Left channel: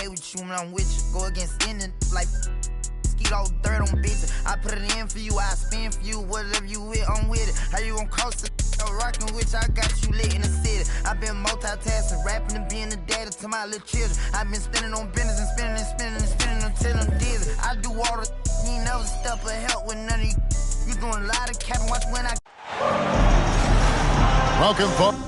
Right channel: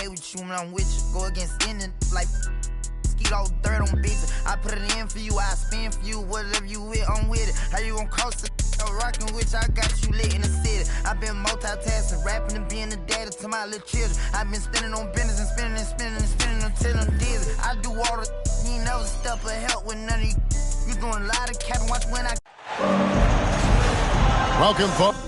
okay with you when I'm with you. Go against any like all dirt on bitches. I put it in for you, I spin for you. Whatever you with, I'm with it. How you gon' coast it? Rockin' with you, I got you lit in the city. I been multitasking, rapping and being a daddy to my little children. I been spending on business and spending and spending and spending until I'm dizzy. I do all the you ain't never step or help with none of you. You doing a lot of capping, watch when I. Welcome, folks.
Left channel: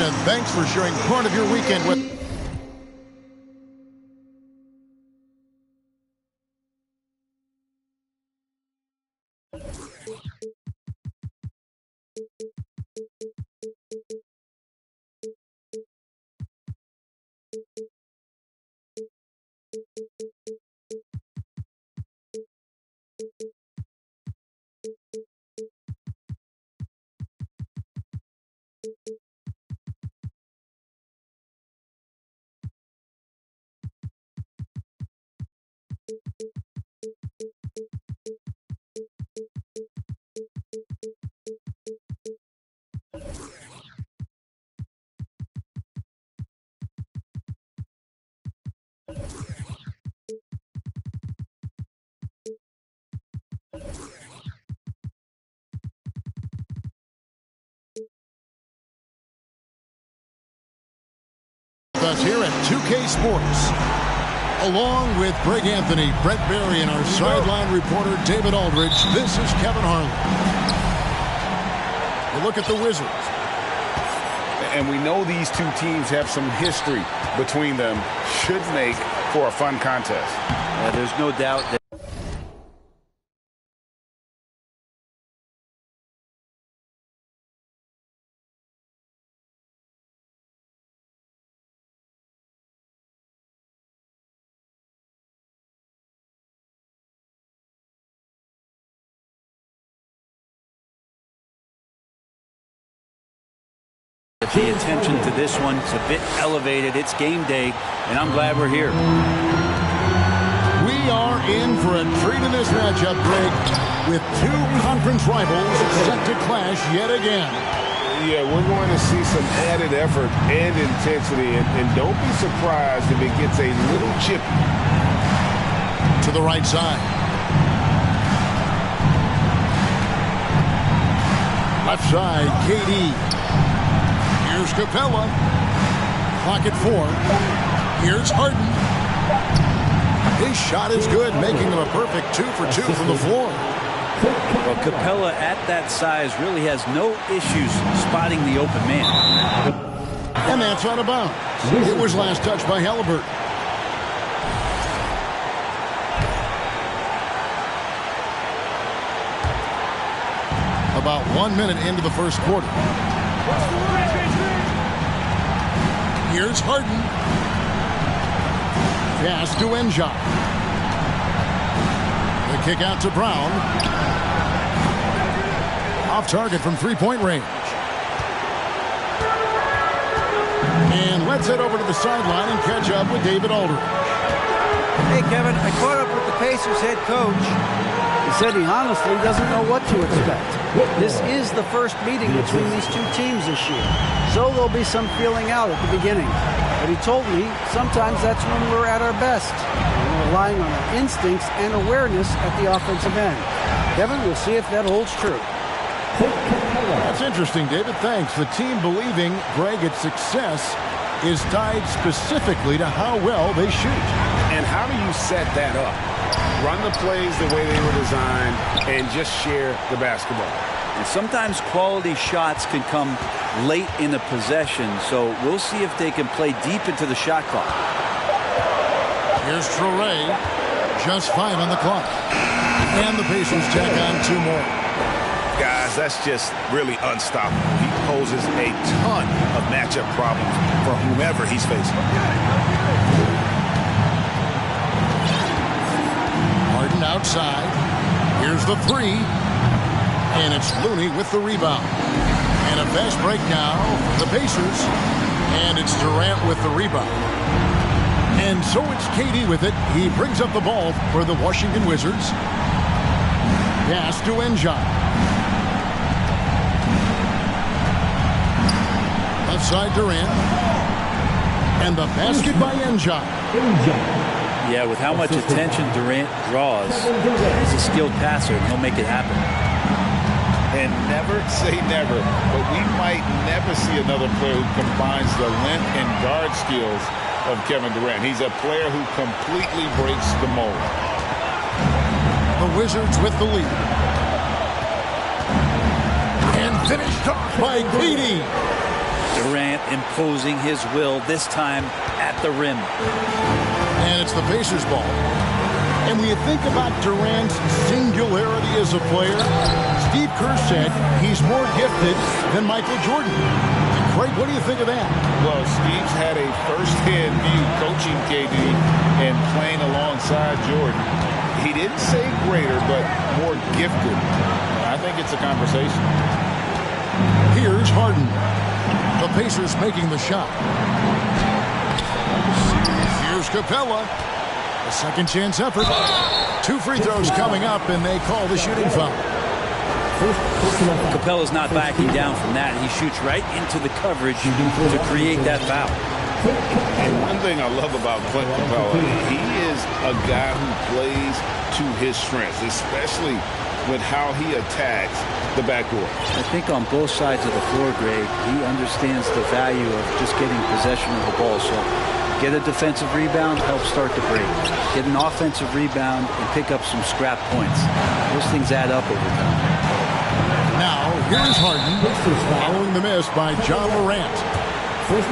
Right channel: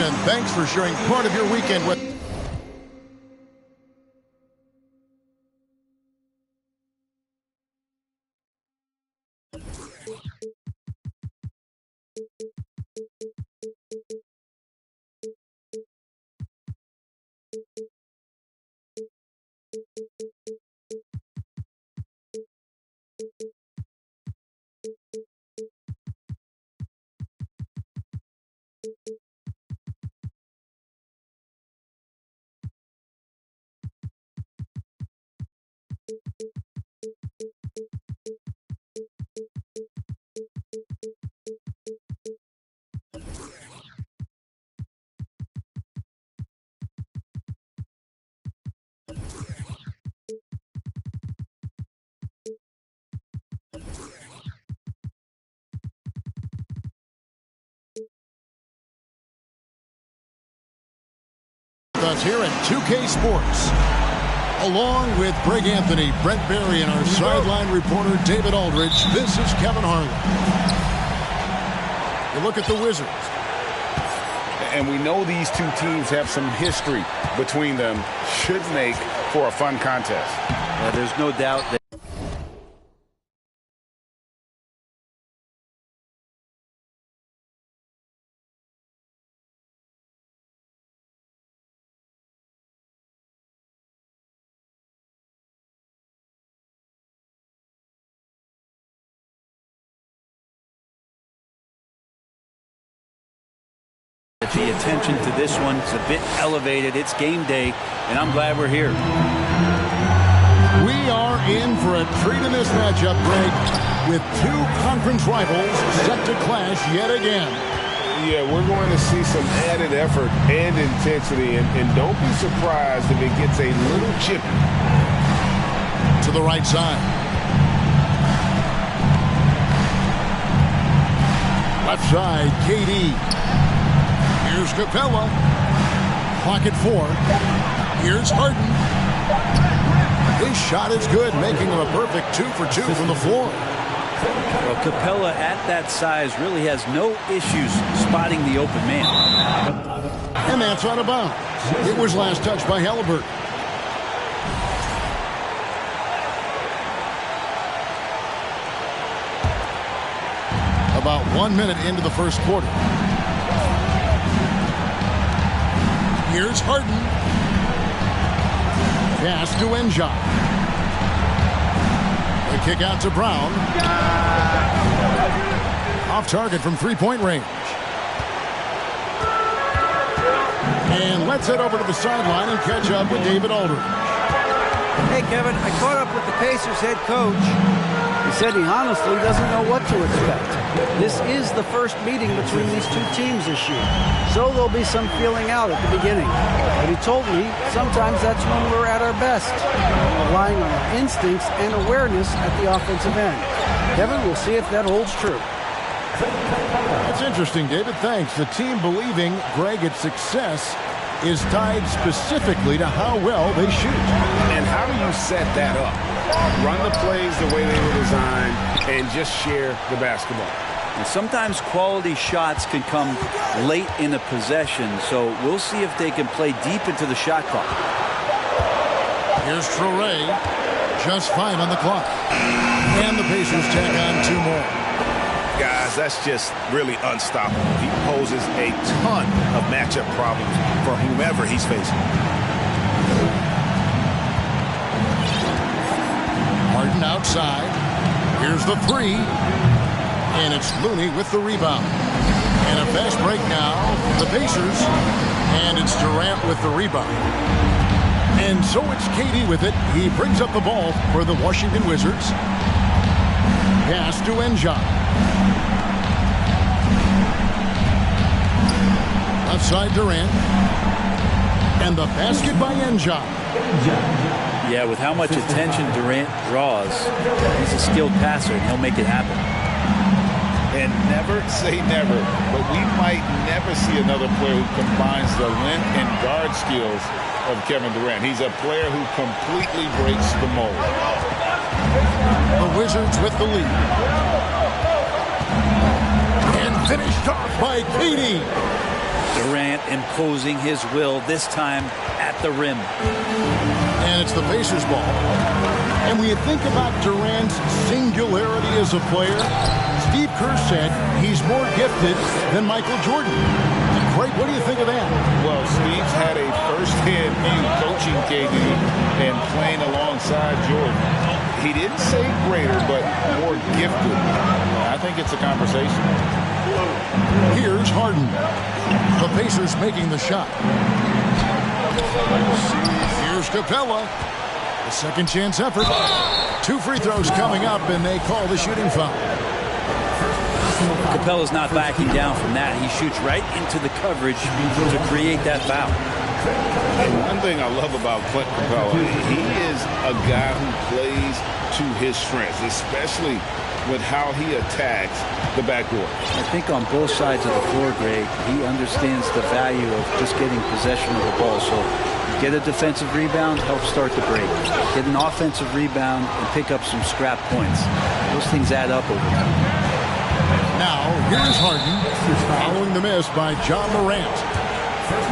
And thanks for sharing part of your weekend with. Us here at 2K Sports, along with Greg Anthony, Brent Barry, and our sideline reporter David Aldridge. This is Kevin Harlan. You look at the Wizards, and we know these two teams have some history between them. Should make for a fun contest. Yeah, there's no doubt that. The attention to this one is a bit elevated. It's game day, and I'm glad we're here. We are in for a treat in this matchup, Greg, with two conference rivals set to clash yet again. Yeah, we're going to see some added effort and intensity, and don't be surprised if it gets a little chippy. To the right side. Left side, KD. Here's Capella. Clock at 4. Here's Harden. His shot is good, making him a perfect 2 for 2 from the floor. Well, Capella at that size really has no issues spotting the open man. And that's out of bounds. It was last touched by Halliburton. About 1 minute into the first quarter. Here's Harden. Pass to Enja. The kick out to Brown. Off target from three-point range. And let's head over to the sideline and catch up with David Aldridge. Hey, Kevin, I caught up with the Pacers head coach. He said he honestly doesn't know what to expect. This is the first meeting between these two teams this year, so there'll be some feeling out at the beginning. But he told me sometimes that's when we're at our best, relying on our instincts and awareness at the offensive end. Kevin, we'll see if that holds true. That's interesting, David. Thanks. The team believing, Greg, its success is tied specifically to how well they shoot. And how do you set that up? Run the plays the way they were designed and just share the basketball. And sometimes quality shots can come late in a possession, so we'll see if they can play deep into the shot clock. Here's Traore. Just 5 on the clock. And the Pacers tack on 2 more. Guys, guys, that's just really unstoppable. He poses a ton of matchup problems for whomever he's facing. Harden outside. Here's the three. And it's Looney with the rebound. And a fast break now for the Pacers. And it's Durant with the rebound. And so it's KD with it. He brings up the ball for the Washington Wizards. Pass to N'Ja. Left side Durant. And the basket by N'Ja. Yeah, with how much attention Durant draws, he's a skilled passer, and he'll make it happen. And never say never, but we might never see another player who combines the length and guard skills of Kevin Durant. He's a player who completely breaks the mold. The Wizards with the lead. And finished off by KD. Durant imposing his will, this time at the rim. And it's the Pacers ball. And when you think about Durant's singularity as a player, Steve Kerr said he's more gifted than Michael Jordan. And Craig, what do you think of that? Well, Steve's had a first-hand view coaching KD and playing alongside Jordan. He didn't say greater, but more gifted. I think it's a conversation. Here's Harden. The Pacers making the shot. Here's Capella. A second chance effort. 2 free throws coming up, and they call the shooting foul. Capella's not backing down from that. He shoots right into the coverage to create that foul. And one thing I love about Clint Capella, he is a guy who plays to his strengths, especially with how he attacks the backcourt. I think on both sides of the floor, Greg, he understands the value of just getting possession of the ball. So get a defensive rebound, help start the break. Get an offensive rebound and pick up some scrap points. Those things add up over time. Now, here's Harden following the miss by John Morant.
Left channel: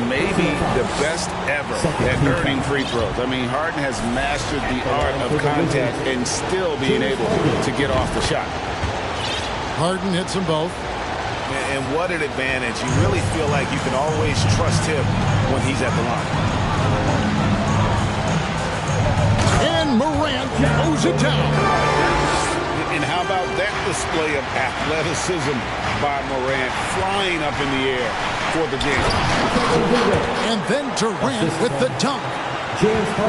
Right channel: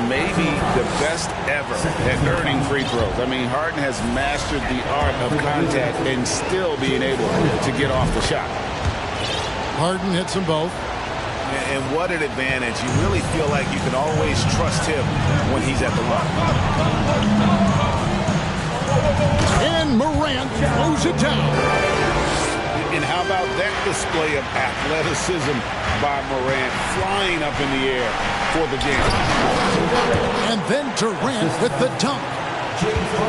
Maybe the best ever at earning free throws. I mean, Harden has mastered the art of contact and still being able to get off the shot. Harden hits them both. And what an advantage. You really feel like you can always trust him when he's at the line. And Morant throws it down. And how about that display of athleticism by Morant, flying up in the air for the game. And then Durant with the dunk.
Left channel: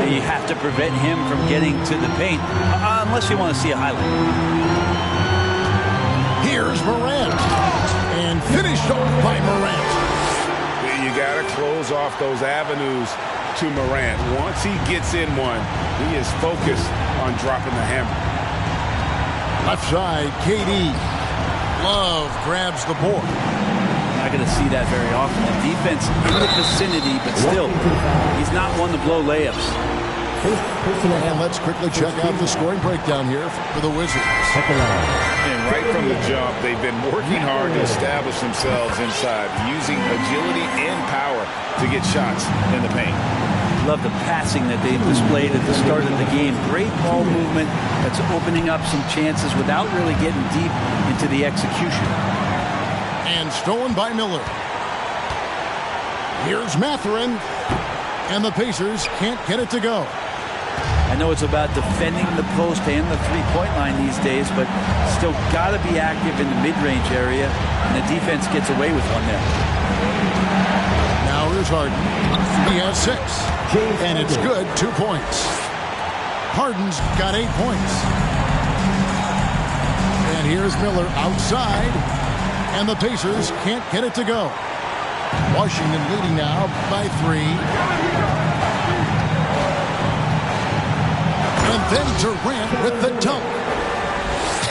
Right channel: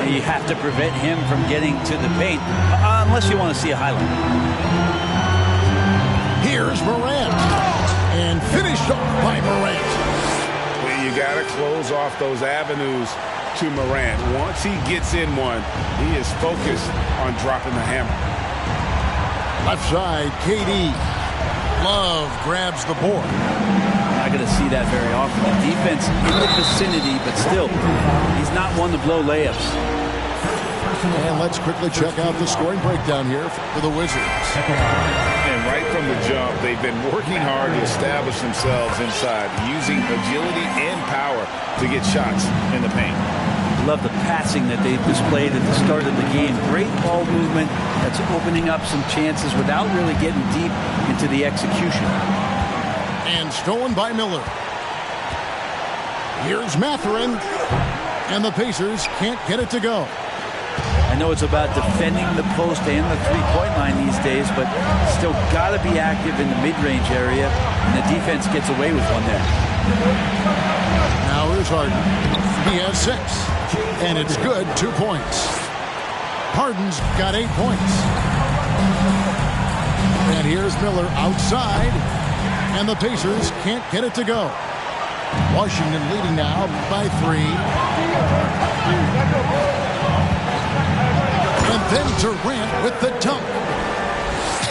You have to prevent him from getting to the paint, unless you want to see a highlight. Here's Morant. And finished off by Morant. You got to close off those avenues to Morant. Once he gets in one, he is focused on dropping the hammer. Left side, KD. Love grabs the board. Not going to see that very often. The defense in the vicinity, but still, he's not one to blow layups. And let's quickly check out the scoring breakdown here for the Wizards. And right from the jump, they've been working hard to establish themselves inside, using agility and power to get shots in the paint. Love the passing that they displayed at the start of the game. Great ball movement that's opening up some chances without really getting deep into the execution. And stolen by Miller. Here's Mathurin. And the Pacers can't get it to go. I know it's about defending the post and the three-point line these days, but still got to be active in the mid-range area, and the defense gets away with one there. Now here's Harden. He has 6, and it's good, 2 points. Harden's got 8 points. And here's Miller outside, and the Pacers can't get it to go. Washington leading now by 3. And then Durant with the dunk.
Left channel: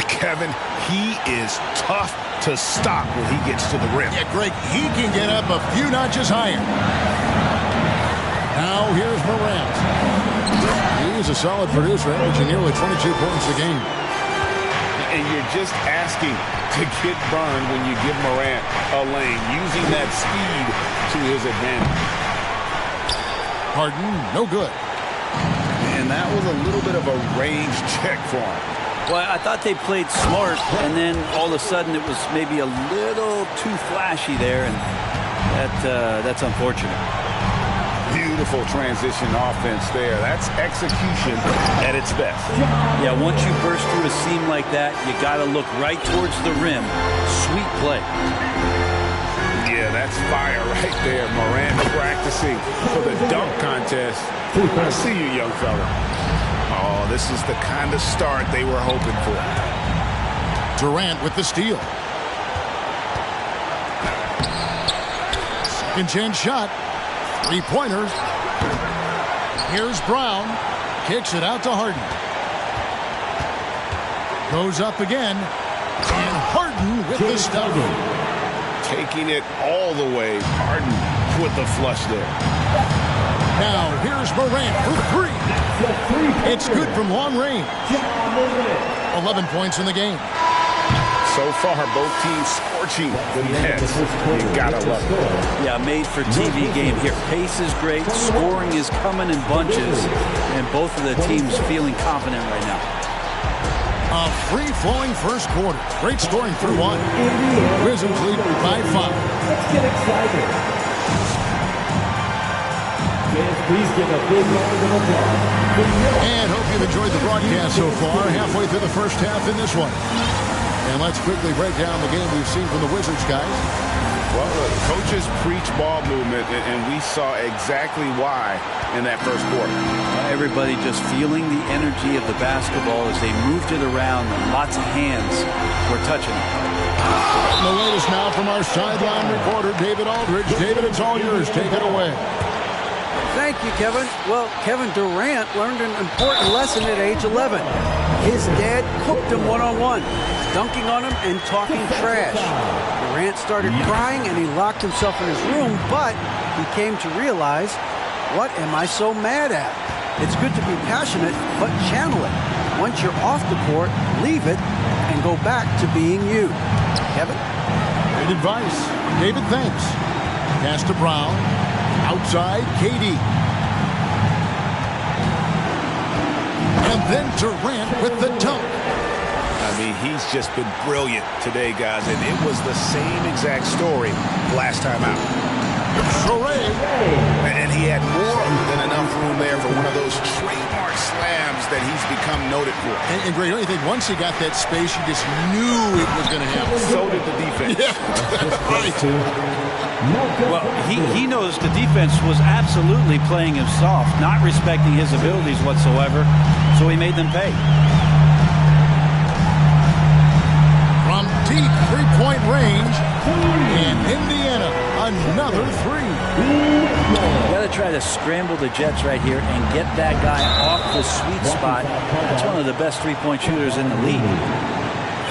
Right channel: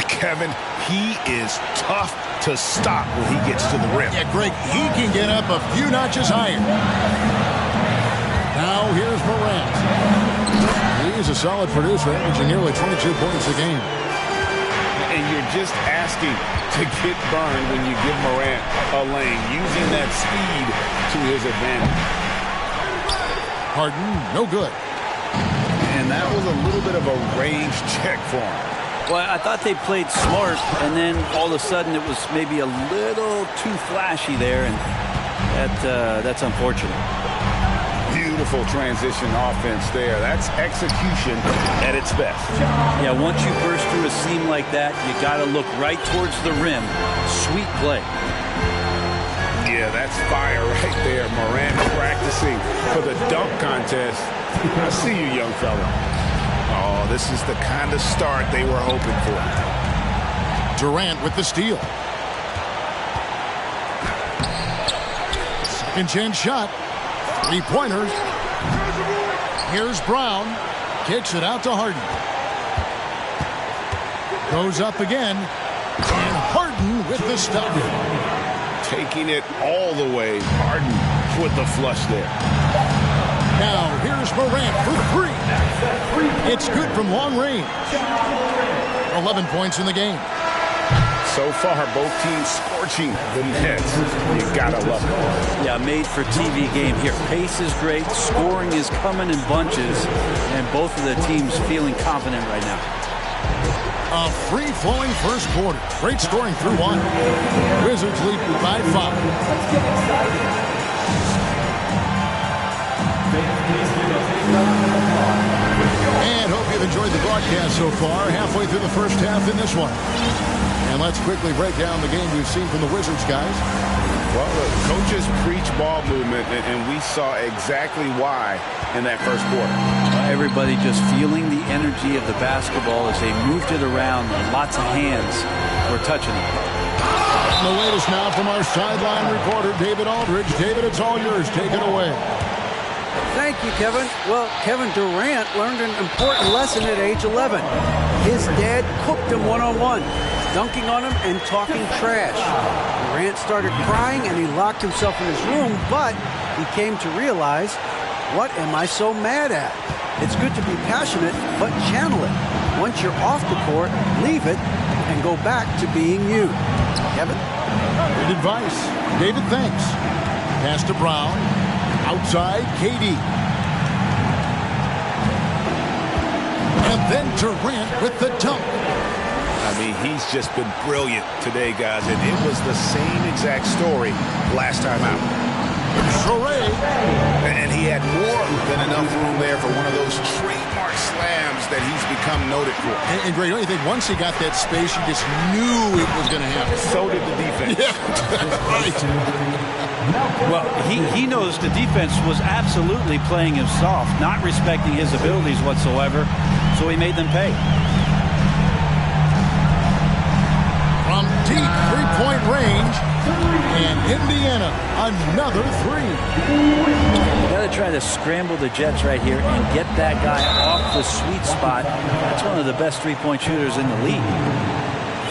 Kevin, he is tough to stop when he gets to the rim. Yeah, Greg, he can get up a few notches higher. Now here's Morant. He's a solid producer, averaging nearly 22 points a game. And you're just asking to get burned when you give Morant a lane, using that speed to his advantage. Harden, no good. And that was a little bit of a range check for him. Well, I thought they played smart, and then all of a sudden it was maybe a little too flashy there, and that's unfortunate. Beautiful transition offense there. That's execution at its best. Yeah, once you burst through a seam like that, you got to look right towards the rim. Sweet play. Yeah, that's fire right there. Morant practicing for the dunk contest. I see you, young fella. Oh, this is the kind of start they were hoping for. Durant with the steal. Second chance shot. Three-pointer. Here's Brown. Kicks it out to Harden. Goes up again. And Harden with the stuff. Taking it all the way. Harden with the flush there. Now here's Morant for three. It's good from long range. 11 points in the game. So far, both teams scorching the Nets. You gotta love it. Yeah, made for TV game here. Pace is great. Scoring is coming in bunches. And both of the teams feeling confident right now. A free-flowing first quarter. Great scoring through one. Wizards lead by 5. Let's get excited. Please give a big round of applause. And hope you've enjoyed the broadcast so far. Halfway through the first half in this one. And let's quickly break down the game we've seen from the Wizards, guys. Well, the coaches preach ball movement, and we saw exactly why in that first quarter. Everybody just feeling the energy of the basketball as they moved it around, and lots of hands were touching it. And the latest now from our sideline reporter, David Aldridge. David, it's all yours. Take it away. Thank you, Kevin. Well, Kevin Durant learned an important lesson at age 11. His dad cooked him one-on-one, dunking on him and talking trash. Durant started crying and he locked himself in his room, but he came to realize, what am I so mad at? It's good to be passionate, but channel it. Once you're off the court, leave it and go back to being you. Kevin? Great advice. David, thanks. Pass to Brown. Outside, KD. And then Durant with the dunk. I mean, he's just been brilliant today, guys, and it was the same exact story last time out. Sorey. And he had more than enough room there for one of those trademark slams that he's become noted for. And Greg, don't you think once he got that space, you just knew it was going to happen? So did the defense. Yeah, right. Well, he knows the defense was absolutely playing him soft, not respecting his abilities whatsoever, so he made them pay. From deep three-point range, and Indiana, another three. You got to try to scramble the Jets right here and get that guy off the sweet spot. That's one of the best three-point shooters in the league.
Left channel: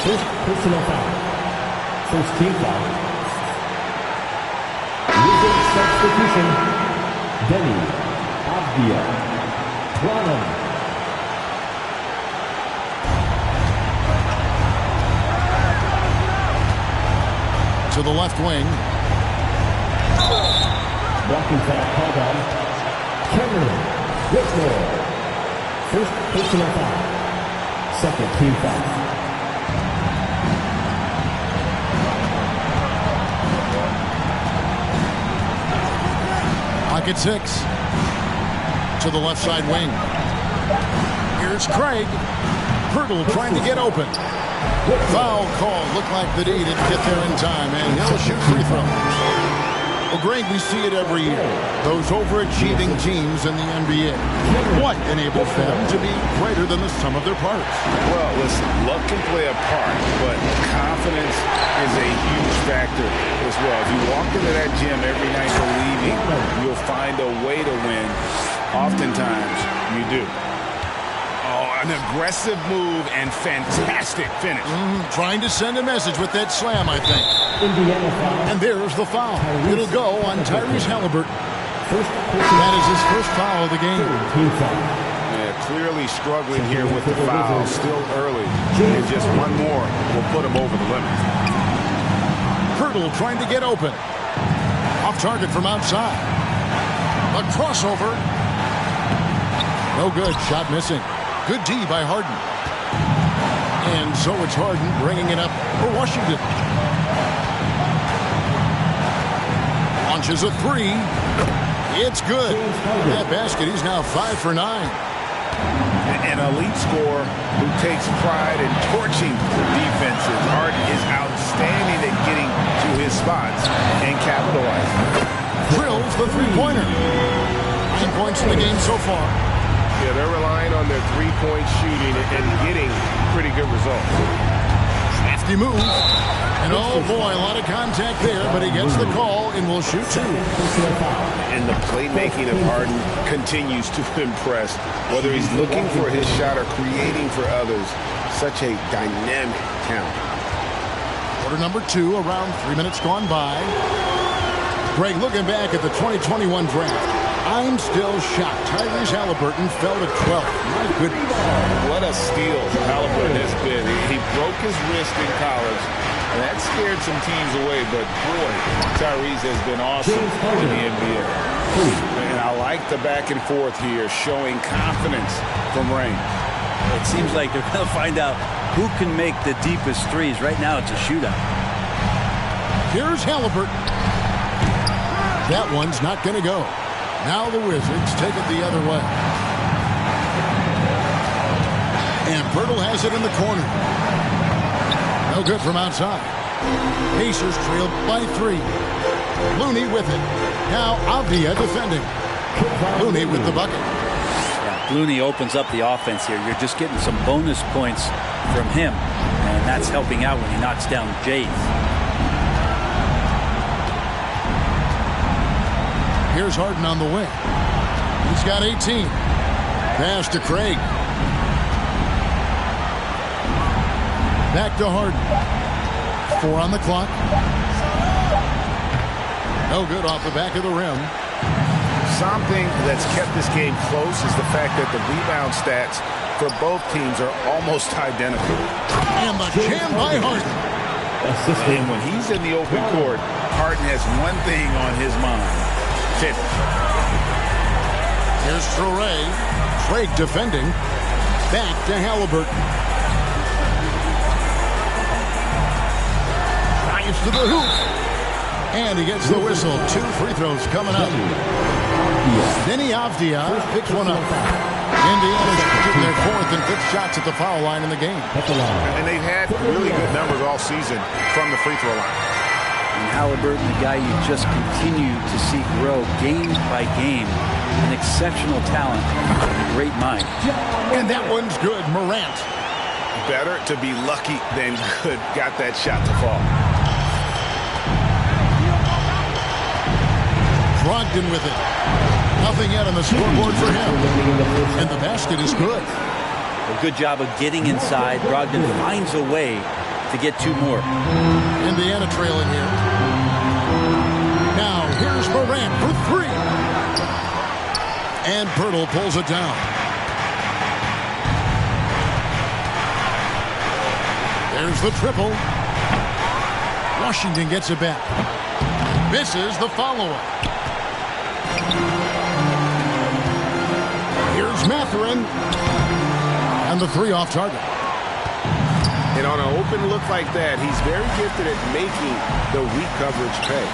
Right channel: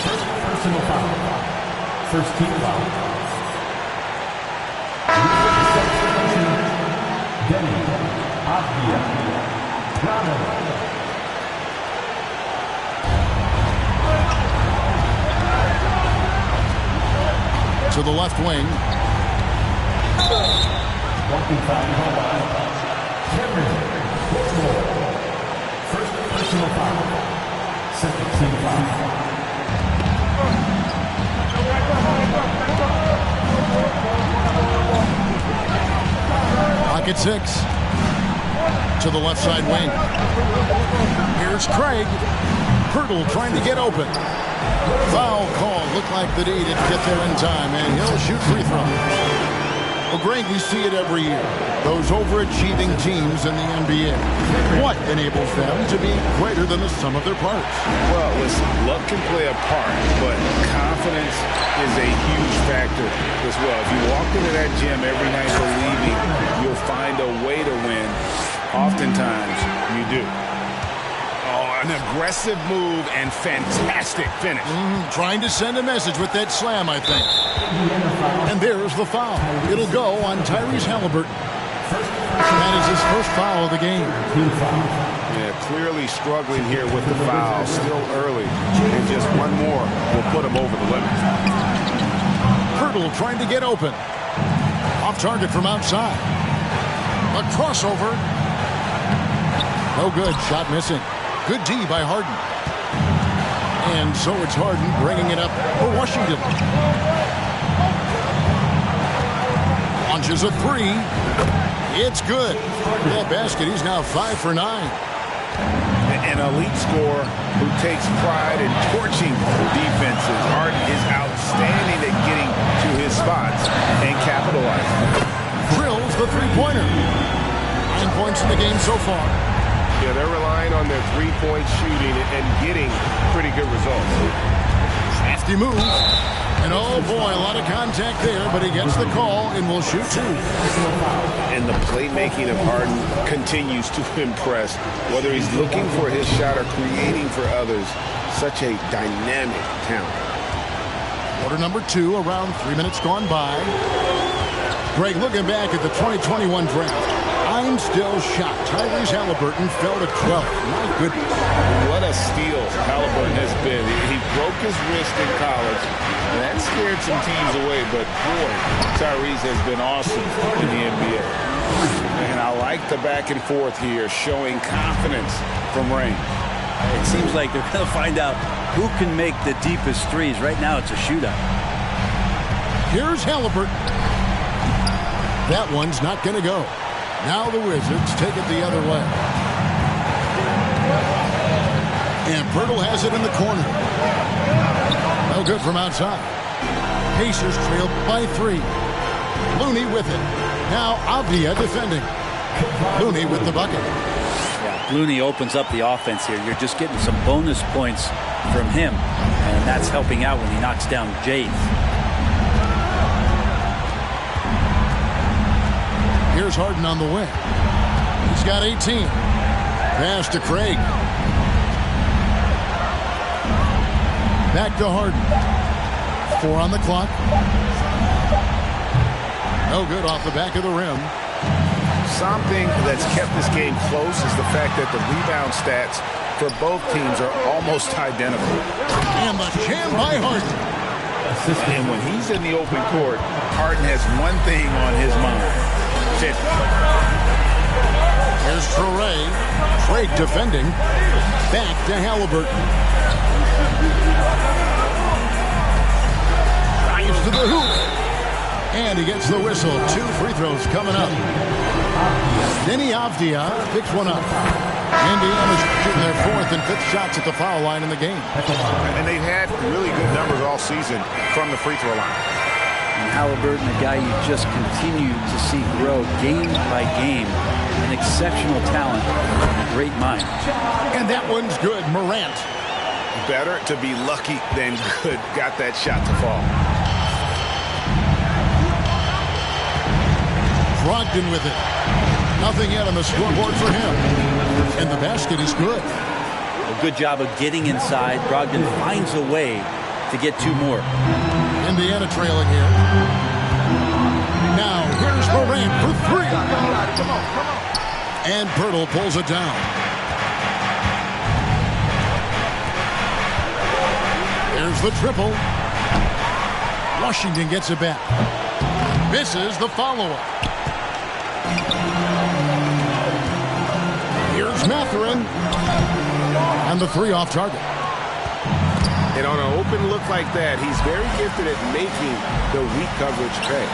First personal foul. First team foul. Substitution. Denny Avdia. Brown. To the left wing. Blocking foul called on Cameron Whitmore. First personal foul. Second team foul. Pocket 6. To the left side wing. Here's Craig. Pirtle trying to get open. Foul call. Looked like the D didn't get there in time, and he'll shoot free throws. Well, Greg, we see it every year. Those overachieving teams in the NBA. What enables them to be greater than the sum of their parts? Well, listen, luck can play a part, but confidence is a huge factor as well. If you walk into that gym every night believing you'll find a way to win, oftentimes you do. Oh, an aggressive move and fantastic finish. Trying to send a message with that slam, I think. And there's the foul. It'll go on Tyrese Halliburton. That is his first foul of the game. Yeah, clearly struggling here with the foul. Still early. And just one more will put him over the limit. Pirtle trying to get open. Off target from outside. A crossover. No good. Shot missing. Good D by Harden. And so it's Harden bringing it up for Washington. Launches a three. It's good. That basket, he's now 5 for 9. An elite scorer who takes pride in torching defenses. Harden is outstanding at getting to his spots and capitalizing. Drills the three-pointer. 9 points in the game so far. Yeah, they're relying on their three-point shooting and getting pretty good results. Crafty move. And oh boy, a lot of contact there, but he gets the call and will shoot 2. And the playmaking of Harden continues to impress. Whether he's looking for his shot or creating for others, such a dynamic talent. Quarter number 2, around 3 minutes gone by. Greg, looking back at the 2021 draft, I'm still shocked. Tyrese Halliburton fell to 12th. My goodness. What a steal Halliburton has been. He broke his wrist in college, and that scared some teams away. But, boy, Tyrese has been awesome in the NBA. And I like the back and forth here, showing confidence from range. It seems like they're going to find out who can make the deepest threes. Right now, it's a shootout. Here's Halliburton. That one's not going to go. Now the Wizards take it the other way. And Pirtle has it in the corner. No good from outside. Pacers trail by 3. Looney with it. Now Avdia defending. Looney with the bucket. Yeah, Looney opens up the offense here. You're just getting some bonus points from him. And that's helping out when he knocks down Jays. Here's Harden on the wing. He's got 18. Pass to Craig. Back to Harden. 4 on the clock. No good off the back of the rim. Something that's kept this game close is the fact that the rebound stats for both teams are almost identical. And the jam by Harden. And when he's in the open court, Harden has one thing on his mind. Here's Traoré. Craig defending. Back to Halliburton. Drives to the hoop. And he gets the whistle. 2 free throws coming up. Denny Avdia picks one up. Indiana's shooting their 4th and 5th shots at the foul line in the game. And they've had really good numbers all season from the free throw line. And Halliburton, a guy you just continue to see grow game by game. An exceptional talent and a great mind. And that one's good. Morant. Better to be lucky than good. Got that shot to fall. Brogdon with it. Nothing yet on the scoreboard for him. And the basket is good. A good job of getting inside. Brogdon finds a way to get 2 more. Indiana trailing here. Now here's Morant for 3. And Pirtle pulls it down. There's the triple. Washington gets it back. Misses the follow-up. Here's Mathurin. And the 3 off target. And on an open look like that, he's very gifted at making the weak coverage pay.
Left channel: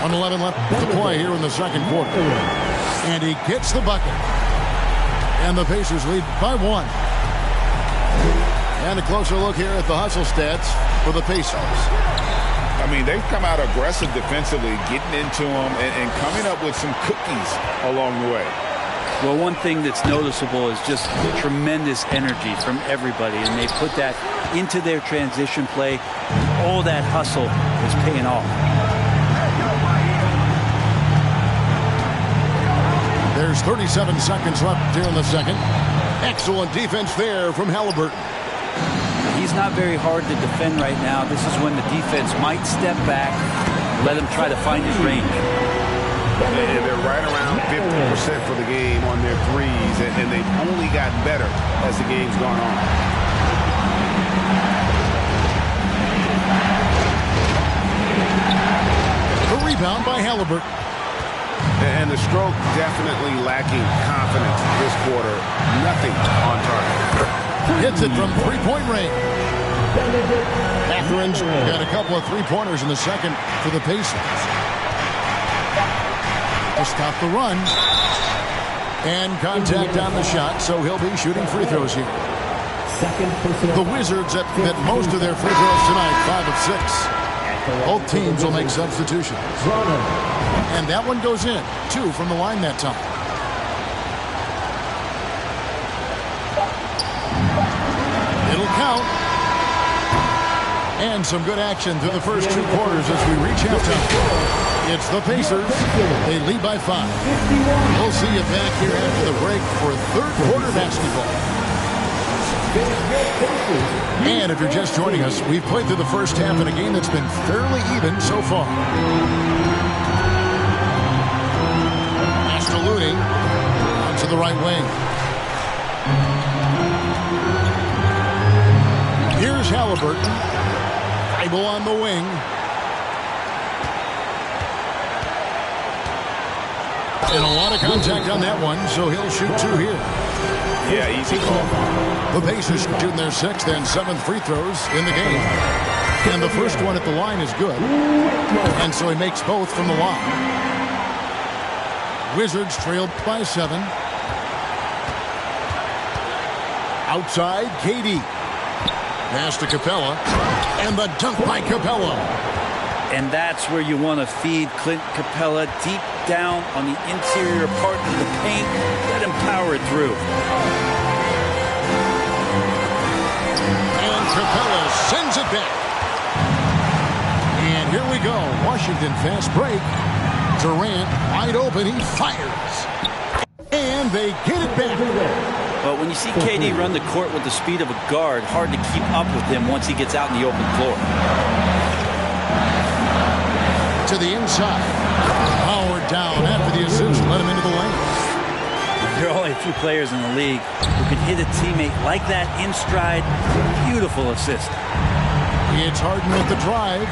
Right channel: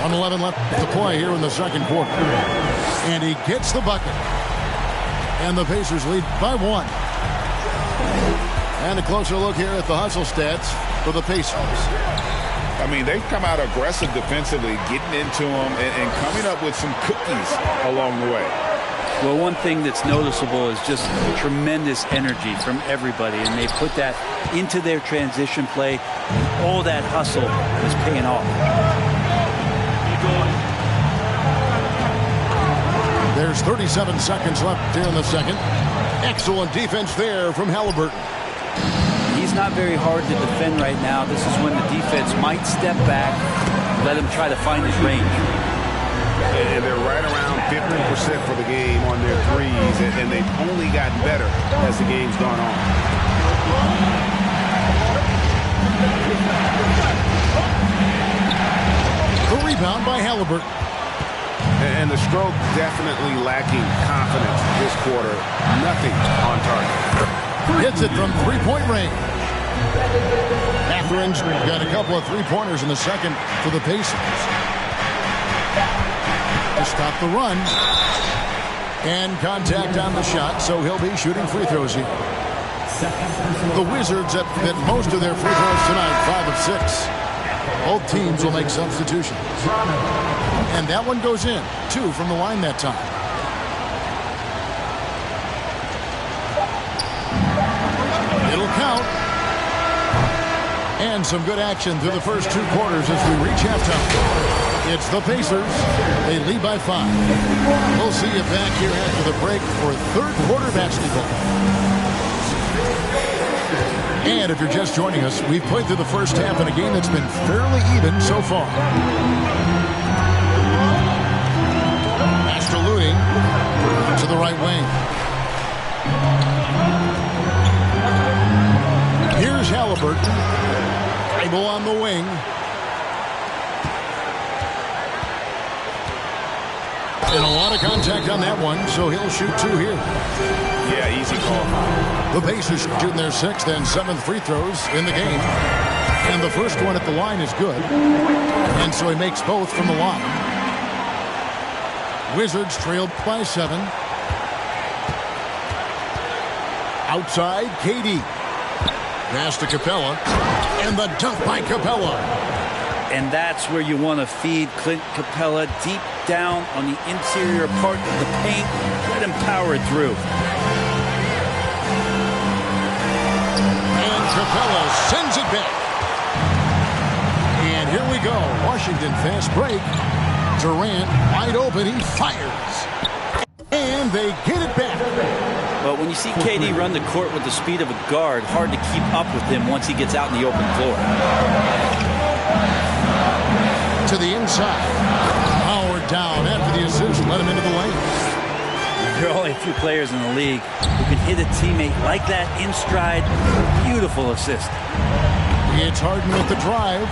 1:11 left to play here in the second quarter. And he gets the bucket. And the Pacers lead by 1. And a closer look here at the hustle stats for the Pacers. I mean, they've come out aggressive defensively, getting into them and coming up with some cookies along the way. Well, one thing that's noticeable is just tremendous energy from everybody, and they put that into their transition play. All that hustle is paying off. There's 37 seconds left here in the second. Excellent defense there from Halliburton. He's not very hard to defend right now. This is when the defense might step back, let him try to find his range. And they're right around 50% for the game on their threes, and they've only gotten better as the game's gone on. The rebound by Halliburton. And the stroke definitely lacking confidence this quarter. Nothing on target. Hits it from three-point range. Catherine's got a couple of three-pointers in the second for the Pacers. To stop the run. And contact on the shot, so he'll be shooting free throws here. The Wizards at most of their free throws tonight, 5 of 6. Both teams will make substitutions. And that one goes in. 2 from the line that time. It'll count. And some good action through the first 2 quarters as we reach halftime. It's the Pacers. They lead by 5. We'll see you back here after the break for third quarter basketball. And if you're just joining us, we've played through the first half in a game that's been fairly even so far. Master Looney out to the right wing. Here's Halliburton. Bible on the wing. And a lot of contact on that one, so he'll shoot 2 here. Yeah, easy call. The Pacers shooting their 6th and 7th free throws in the game. And the first one at the line is good. And so he makes both from the line. Wizards trailed by 7. Outside, KD. Pass to Capella. And the dunk by Capella. And that's where you want to feed Clint Capella deep down on the interior part of the paint. Let him power it through. And Capella sends it back. And here we go. Washington fast break. Durant wide open. He fires. And they get it back. But when you see KD run the court with the speed of a guard, hard to keep up with him once he gets out in the open floor. To the inside. Howard down after the assist. Let him into the lane. There are only a few players in the league who can hit a teammate like that in stride. Beautiful assist. It's Harden with the drive.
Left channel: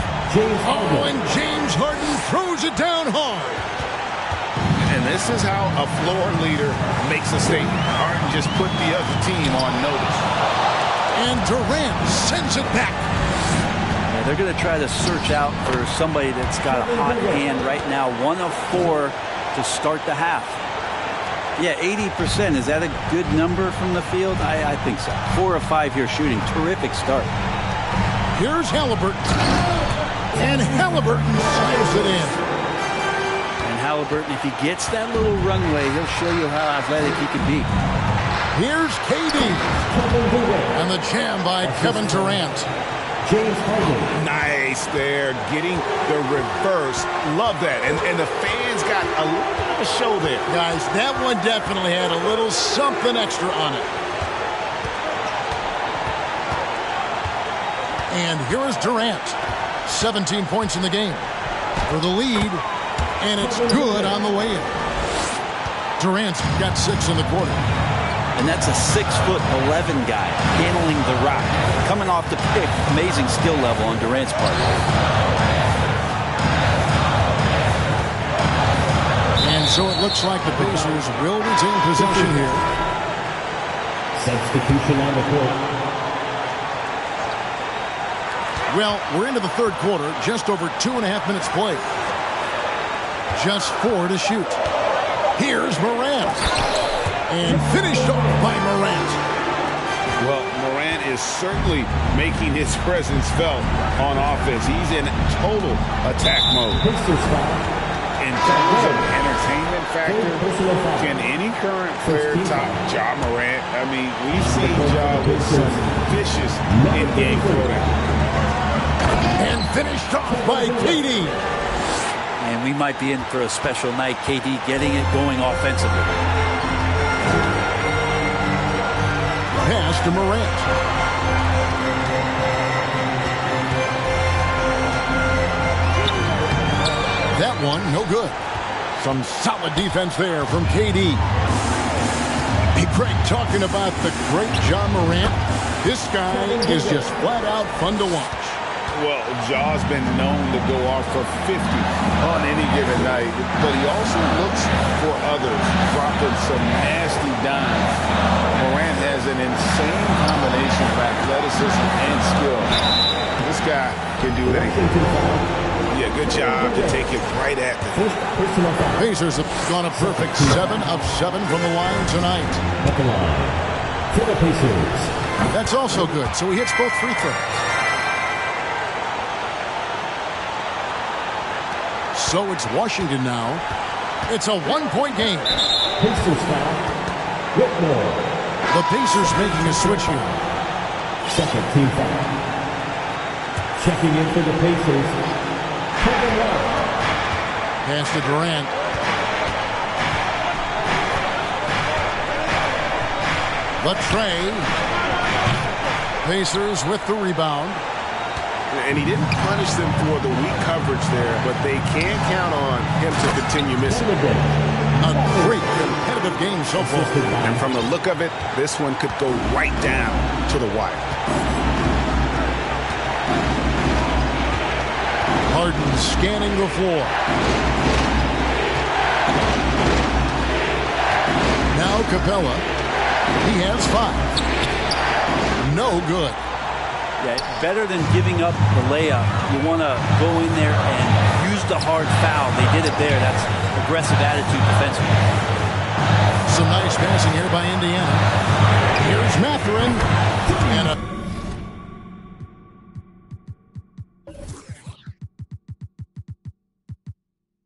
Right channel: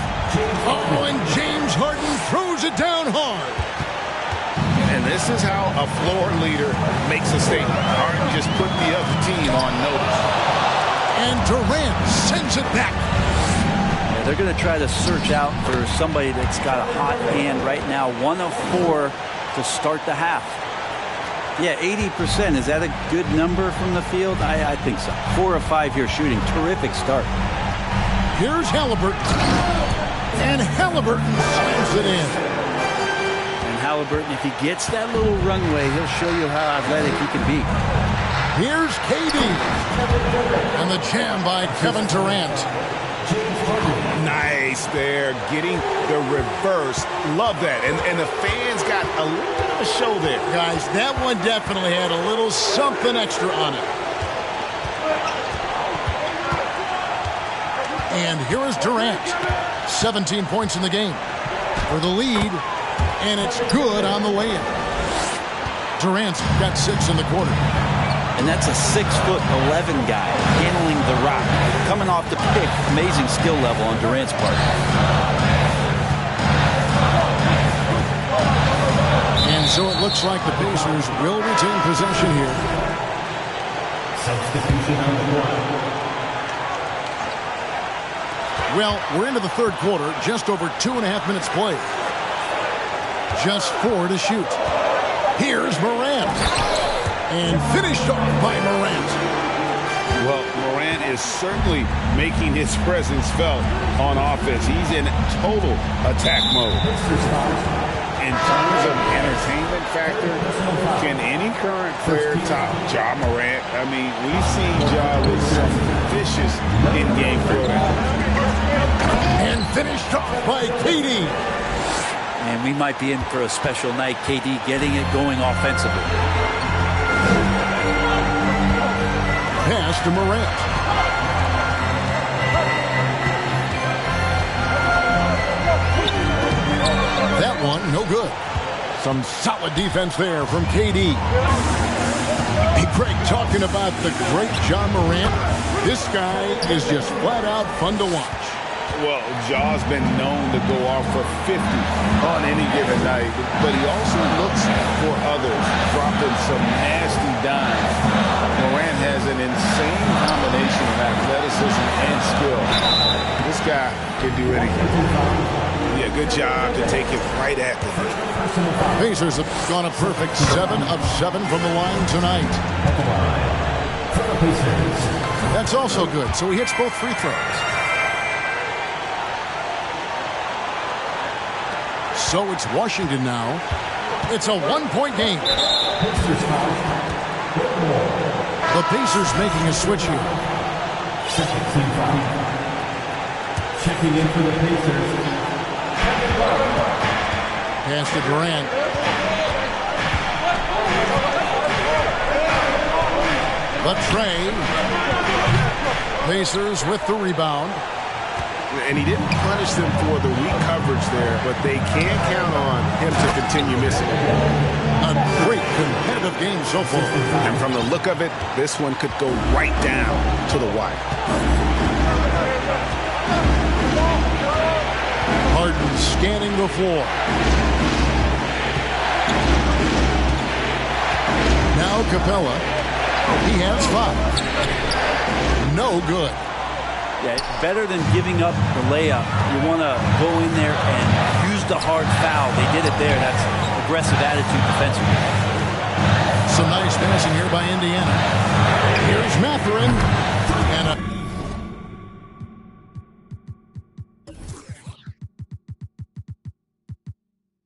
Oh, and James Harden throws it down hard. And this is how a floor leader makes a statement. Harden just put the other team on notice. And Durant sends it back. Yeah, they're going to try to search out for somebody that's got a hot hand right now. 1 of 4 to start the half. Yeah, 80%. Is that a good number from the field? I think so. 4 of 5 here shooting. Terrific start. Here's Halliburton. And Halliburton slams it in. And Halliburton, if he gets that little runway, he'll show you how athletic he can be. Here's KD. And the jam by Kevin Durant. Nice there, getting the reverse. Love that. And the fans got a little bit of a show there. Guys, that one definitely had a little something extra on it. And here is Durant. 17 points in the game for the lead. And it's good on the way in. Durant's got 6 in the quarter. And that's a 6'11" guy handling the rock. Coming off the pick, amazing skill level on Durant's part. And so it looks like the Pacers will retain possession here. Substitution on the court. Well, we're into the third quarter, just over 2.5 minutes played. Just 4 to shoot. Here's Morant. And finished off by Morant. Well, Morant is certainly making his presence felt on offense. He's in total attack mode. In terms of entertainment factor, can any current player top Ja Morant? I mean, we've seen Ja with some vicious in-game throwdown. And finished off by KD. And we might be in for a special night. KD getting it going offensively. Pass to Morant. That one, no good. Some solid defense there from KD. Hey, Greg, talking about the great Ja Morant, this guy is just flat out fun to watch. Well, Jaw's been known to go off for 50 on any given night, but he also looks for others, dropping some nasty dimes. Morant has an insane combination of athleticism and skill. This guy can do anything. Yeah, good job to take it right at the knee. Pacers have gone a perfect 7 of 7 from the line tonight. At the line for the Pacers. That's also good, so he hits both free throws. So it's Washington now. It's a one-point game. Pacers foul. Whitmore. The Pacers making a switch here. Second team foul. Checking in for the Pacers. Pass to Durant. The tray. Pacers with the rebound. And he didn't punish them for the weak coverage there, but they can count on him to continue missing. A great competitive game so far. And from the look of it, this one could go right down to the wire. Harden scanning the floor. Now Capella. He has 5. No good. Yeah, better than giving up the layup. You want to go in there and use the hard foul. They did it there. That's aggressive attitude defensively. Some nice passing here by Indiana. Here's Mathurin. And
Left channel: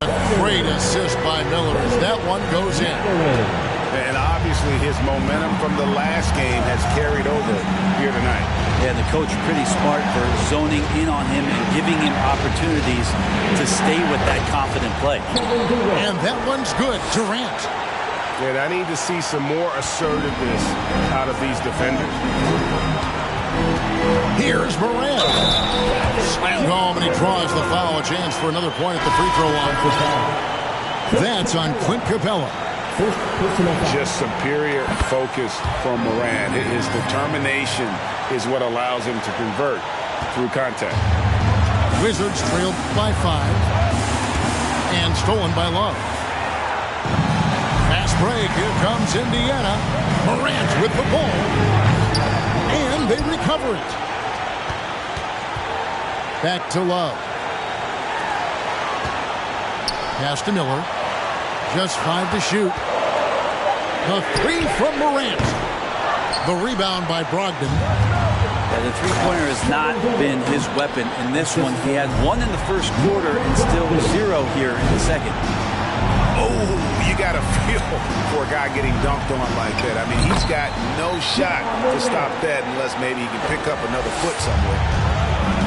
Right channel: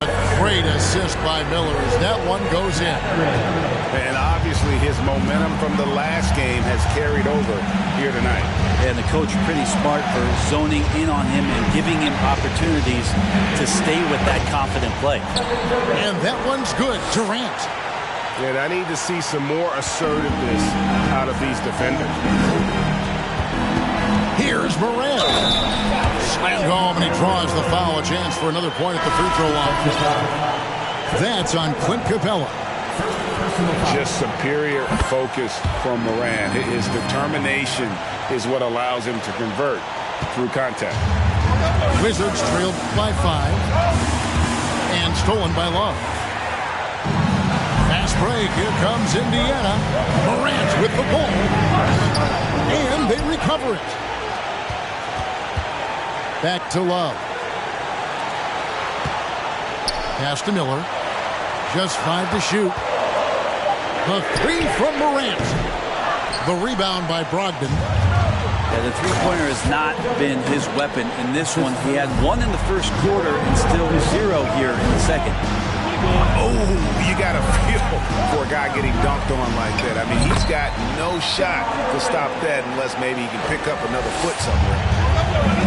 a great assist by Miller as that one goes in. And obviously his momentum from the last game has carried over here tonight. Yeah, and the coach pretty smart for zoning in on him and giving him opportunities to stay with that confident play. And that one's good. Durant. And I need to see some more assertiveness out of these defenders. Here's Morant. Slammed home, and he draws the foul. A chance for another point at the free throw line. That's on Clint Capella. Just superior focus from Morant. His determination is what allows him to convert through contact. Wizards trailed by 5 and stolen by Love. Fast break. Here comes Indiana. Morant with the ball. And they recover it. Back to Love. Pass to Miller. Just 5 to shoot. The 3 from Morant. The rebound by Brogdon. Yeah, the three-pointer has not been his weapon in this one. He had 1 in the first quarter and still 0 here in the second. Oh, you got to feel for a guy getting dunked on like that. I mean, he's got no shot to stop that unless maybe he can pick up another foot somewhere.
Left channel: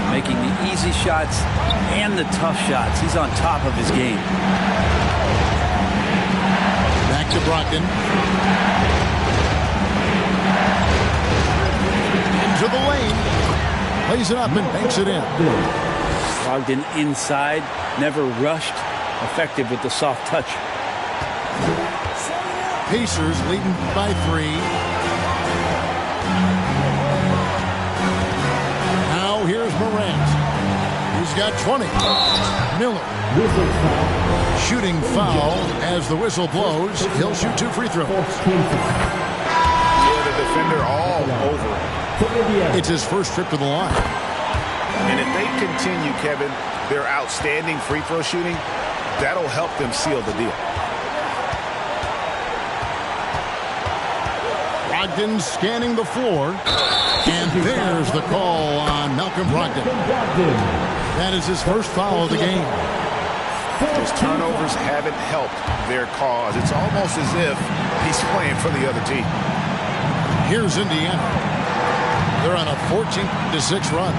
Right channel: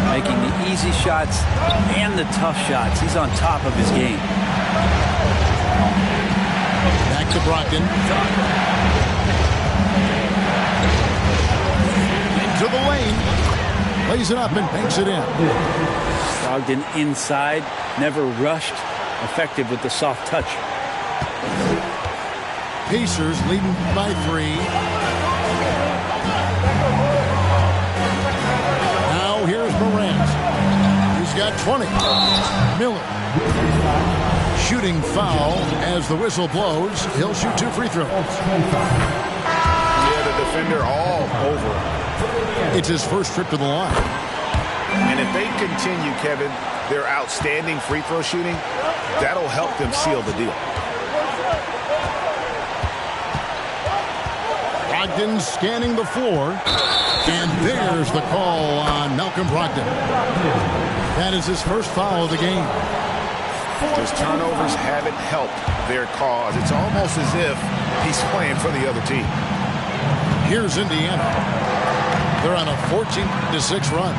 Making the easy shots and the tough shots. He's on top of his game. Back to Brogdon. Into the lane. Plays it up and banks it in. Brogdon inside. Never rushed. Effective with the soft touch. Pacers leading by 3. Now here's Morant. He's got 20. Miller. Shooting foul as the whistle blows. He'll shoot 2 free throws. Yeah, the defender all over him. It's his first trip to the line. And if they continue, Kevin, their outstanding free throw shooting, that'll help them seal the deal. Brogdon scanning the floor. And there's the call on Malcolm Brogdon. That is his first foul of the game. His turnovers haven't helped their cause. It's almost as if he's playing for the other team. Here's Indiana. They're on a 14-6 run.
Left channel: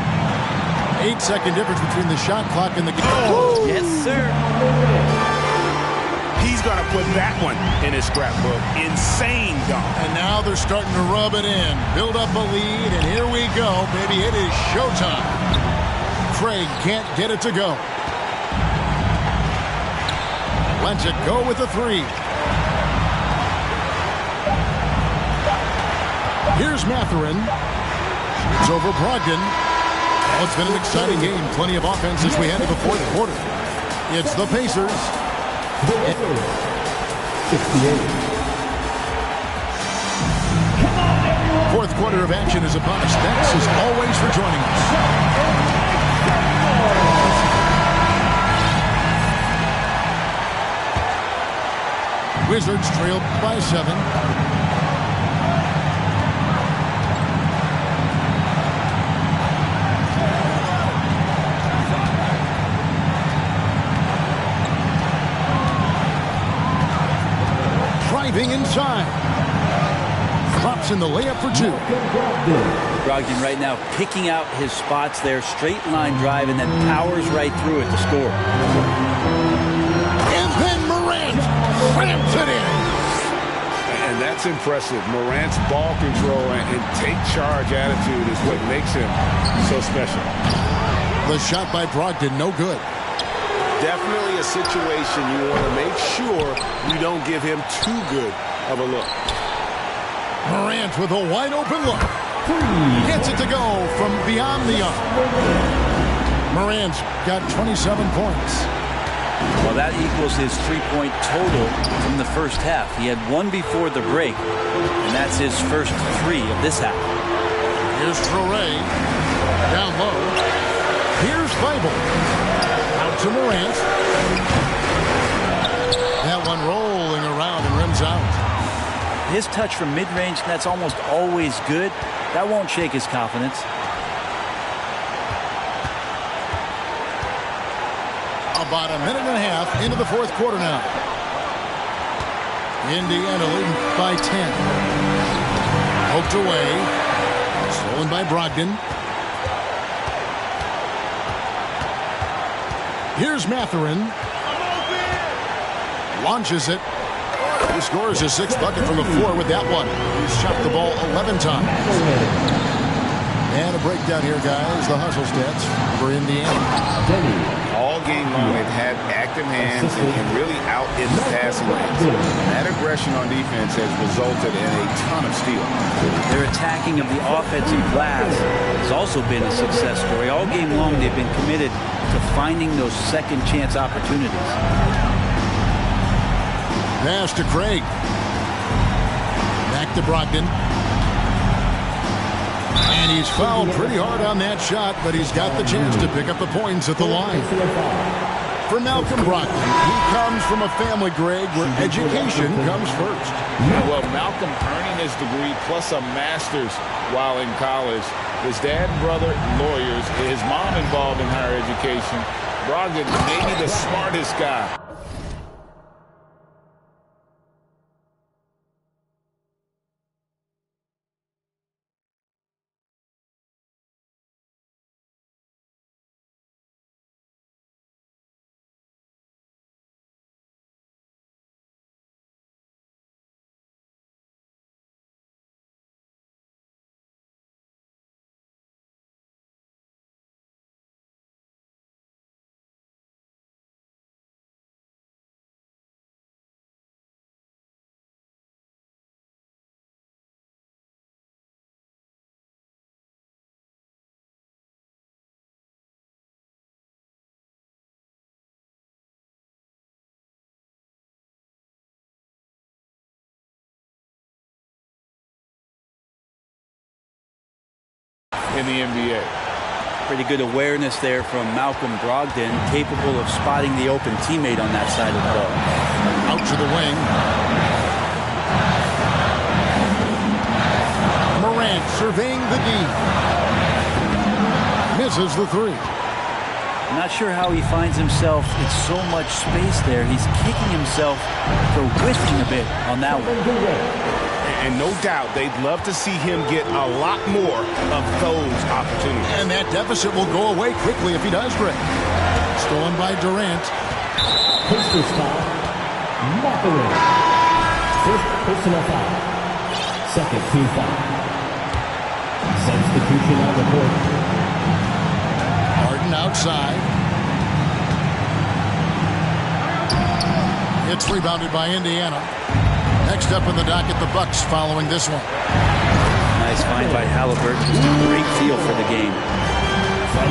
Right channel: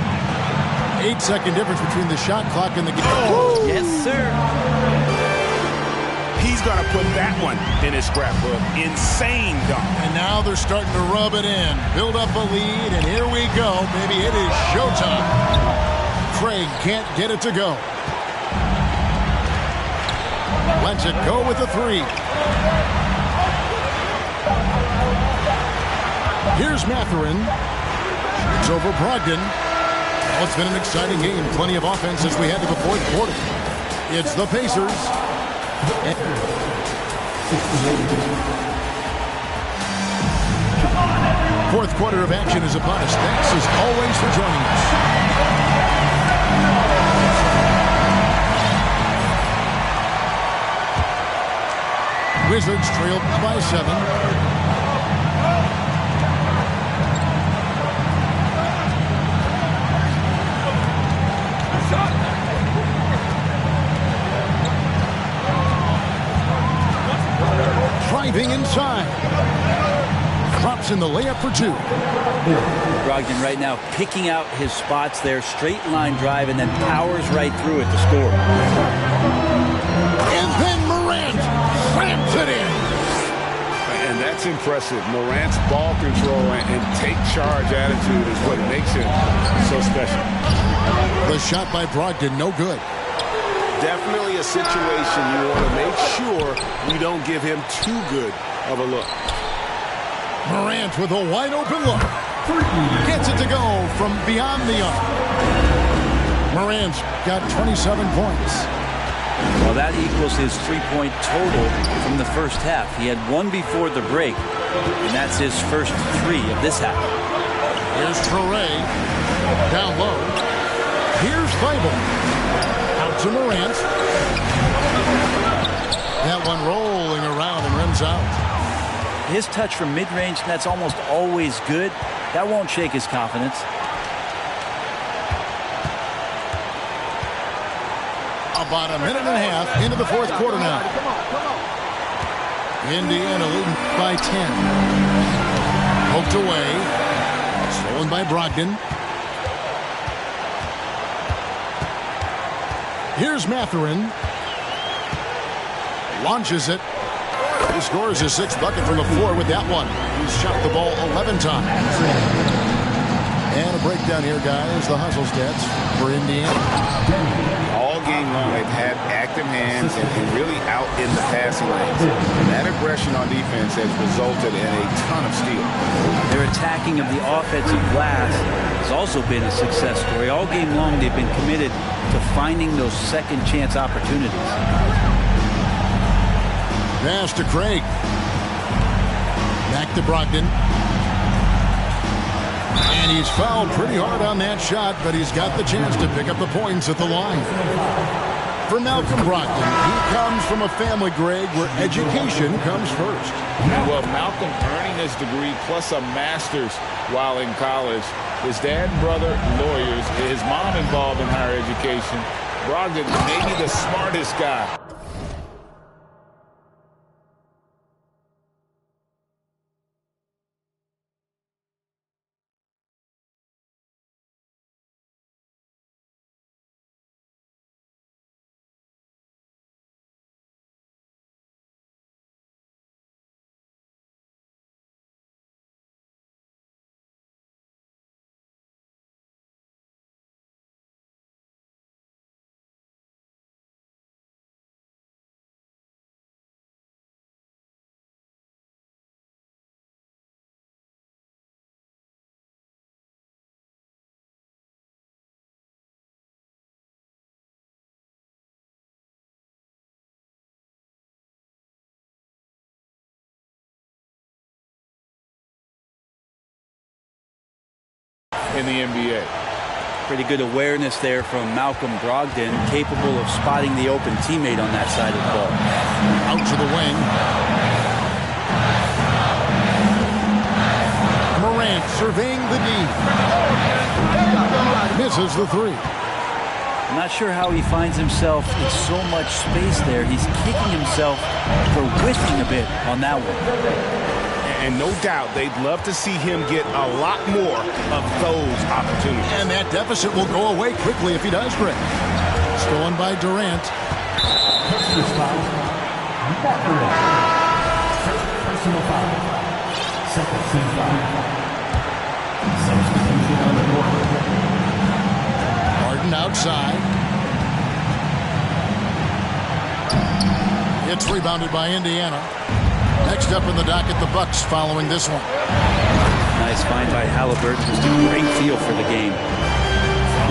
8-second difference between the shot clock and the game. Oh, yes, sir. He's going to put that one in his scrapbook. Insane dunk. And now they're starting to rub it in. Build up a lead, and here we go, baby. It is showtime. Craig can't get it to go. Lets it go with a 3. Here's Mathurin. Shoots over Brogdon. Well, it's been an exciting game. Plenty of offense as we head to the fourth quarter. It's the Pacers. Fourth quarter of action is upon us. Thanks as always for joining us. Wizards trailed by 7. Driving inside. Drops in the layup for 2. Brogdon right now picking out his spots there. Straight line drive and then powers right through it to score. And then Morant slams it in. And that's impressive. Morant's ball control and take charge attitude is what makes him so special. The shot by Brogdon, no good. Definitely a situation you want to make sure you don't give him too good of a look. Morant with a wide open look. Gets it to go from beyond the arc. Morant's got 27 points. Well, that equals his 3-point total from the first half. He had 1 before the break, and that's his first 3 of this half. Here's Traoré. Down low. Here's Thibault. Out to Morant. That one rolling around and rims out. His touch from mid-range, that's almost always good. That won't shake his confidence. About a minute and a half into the fourth quarter now. Indiana leading by 10. Poked away. Stolen by Brogdon. Here's Mathurin. Launches it. He scores his 6th bucket from the floor with that one. He's shot the ball 11 times. And a breakdown here, guys. The hustle stats for Indiana. All game long, they've had active hands and really out in the passing lanes. And that aggression on defense has resulted in a ton of steals. Their attacking of the offensive glass has also been a success story. All game long, they've been committed to finding those second chance opportunities. Pass to Craig. Back to Brogdon. And he's fouled pretty hard on that shot, but he's got the chance to pick up the points at the line. For Malcolm Brogdon, he comes from a family, Greg, where education comes first. Well, Malcolm earning his degree plus a master's while in college. His dad and brother, lawyers. His mom involved in higher education. Brogdon, maybe the smartest guy. In the NBA. Pretty good awareness there from Malcolm Brogdon, capable of spotting the open teammate on that side of the ball. Out to the wing. Morant surveying the D. Misses the 3. I'm not sure how he finds himself in so much space there. He's kicking himself for whiffing a bit on that one. And no doubt they'd love to see him get a lot more of those opportunities. And that deficit will go away quickly if he does, Greg. Stolen by Durant. Pacers foul. Mathurin. First personal foul. Second team foul. Substitution on the court. Harden outside. It's rebounded by Indiana. Next up in the docket, the Bucks following this one. Nice find by Halliburton. Just a great feel for the game.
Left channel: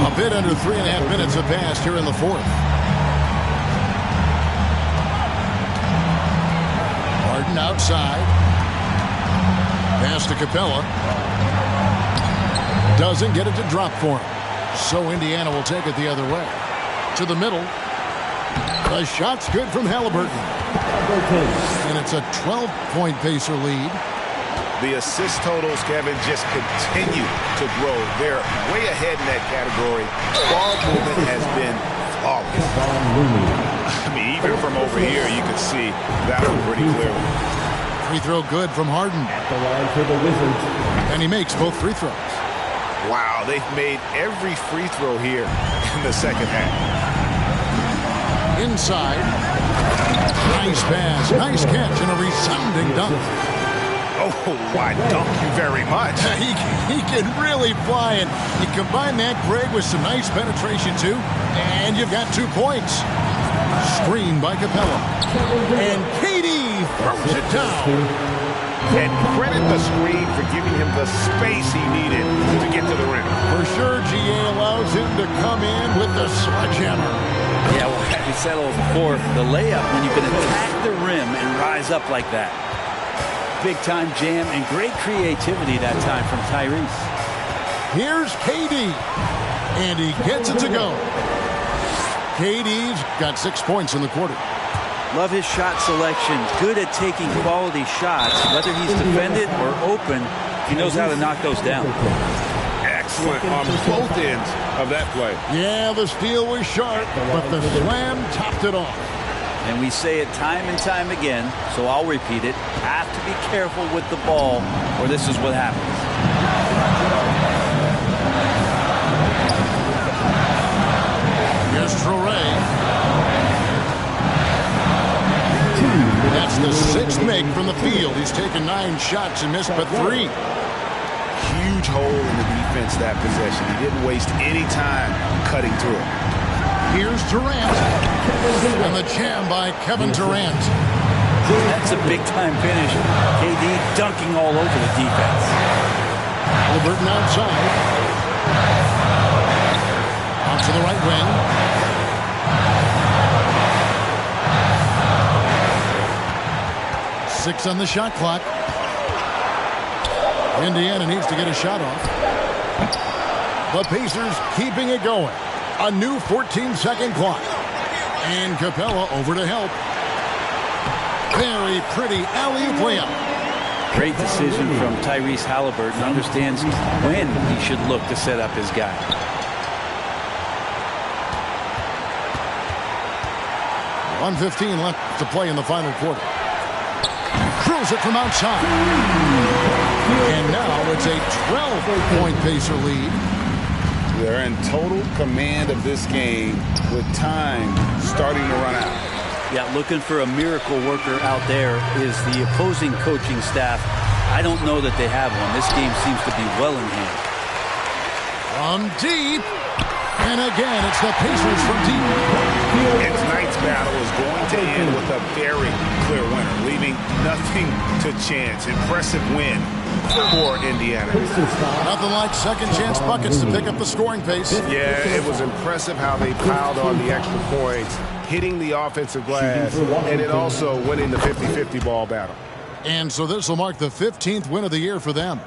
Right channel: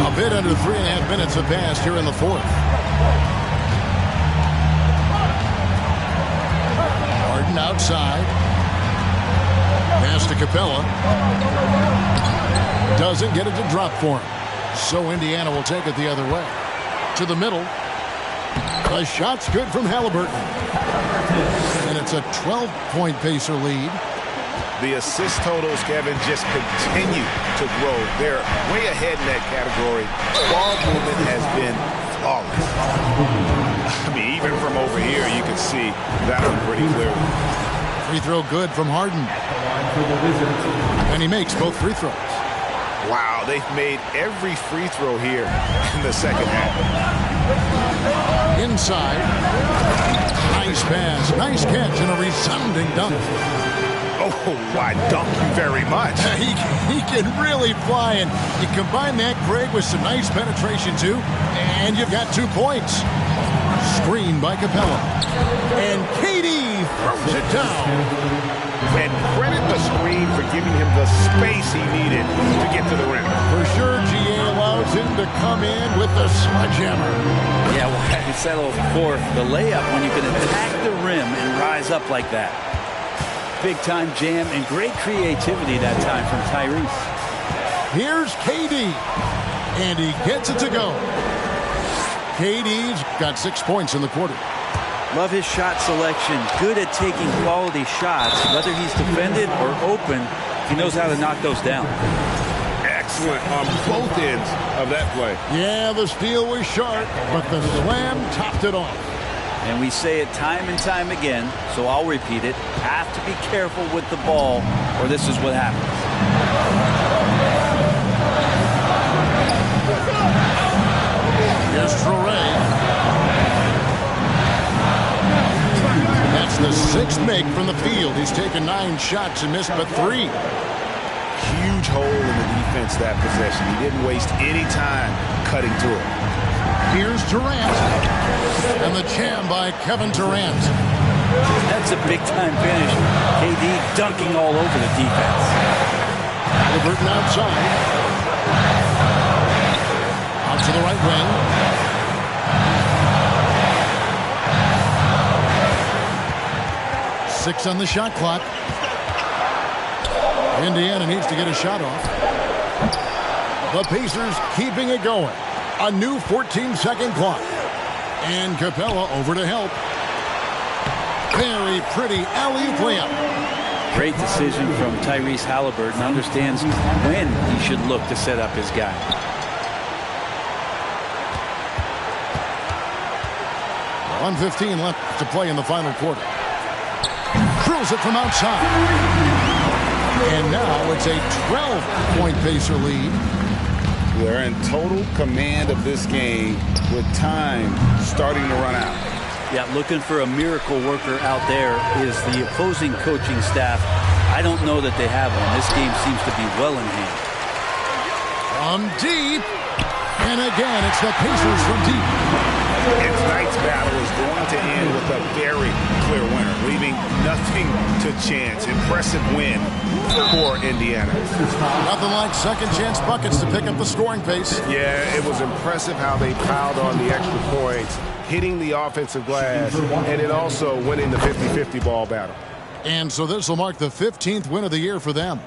A bit under 3.5 minutes have passed here in the fourth. Harden outside. Pass to Capella. Doesn't get it to drop for him. So Indiana will take it the other way. To the middle. The shot's good from Halliburton. And it's a 12-point Pacer lead. The assist totals, Kevin, just continue to grow. They're way ahead in that category. Ball movement has been flawless. I mean, even from over here, you can see that one pretty clearly. Free throw good from Harden. And he makes both free throws. Wow, they've made every free throw here in the second half. Inside. Nice pass, nice catch, and a resounding dunk. Oh, why dunk you very much. He can really fly, and you combine that, Greg, with some nice penetration, too, and you've got 2 points. Screen by Capella. And KD throws it down. And credit the screen for giving him the space he needed to get to the rim. For sure, GA allows him to come in with the sledgehammer. Yeah, well, I said before, the layup, when you can attack the rim and rise up like that. Big-time jam and great creativity that time from Tyrese. Here's KD, and he gets it to go. KD's got 6 points in the quarter. Love his shot selection. Good at taking quality shots. Whether he's defended or open, he knows how to knock those down. Excellent on both ends of that play. Yeah, the steal was sharp, but the slam topped it off. And we say it time and time again, so I'll repeat it. Have to be careful with the ball, or this is what happens. Here's Traoré. That's the 6th make from the field. He's taken 9 shots and missed but 3. Huge hole in the defense that possession. He didn't waste any time cutting through it. Here's Durant. And the jam by Kevin Durant. That's a big-time finish. KD dunking all over the defense. Halliburton outside. Out to the right wing. Six on the shot clock. Indiana needs to get a shot off. The Pacers keeping it going. A new 14-second clock. And Capella over to help. Very pretty alley-oop layup. Great decision from Tyrese Halliburton. Understands when he should look to set up his guy. .115 left to play in the final quarter. Drills it from outside. And now it's a 12-point Pacer lead. They're in total command of this game with time starting to run out. Yeah, looking for a miracle worker out there is the opposing coaching staff. I don't know that they have one. This game seems to be well in hand. From deep. And again, it's the Pacers from deep. And tonight's battle is going to end with a very clear winner, leaving nothing to chance. Impressive win for Indiana. Nothing like second chance buckets to pick up the scoring pace. Yeah, it was impressive how they piled on the extra points, hitting the offensive glass, and then also winning the 50-50 ball battle. And so this will mark the 15th win of the year for them.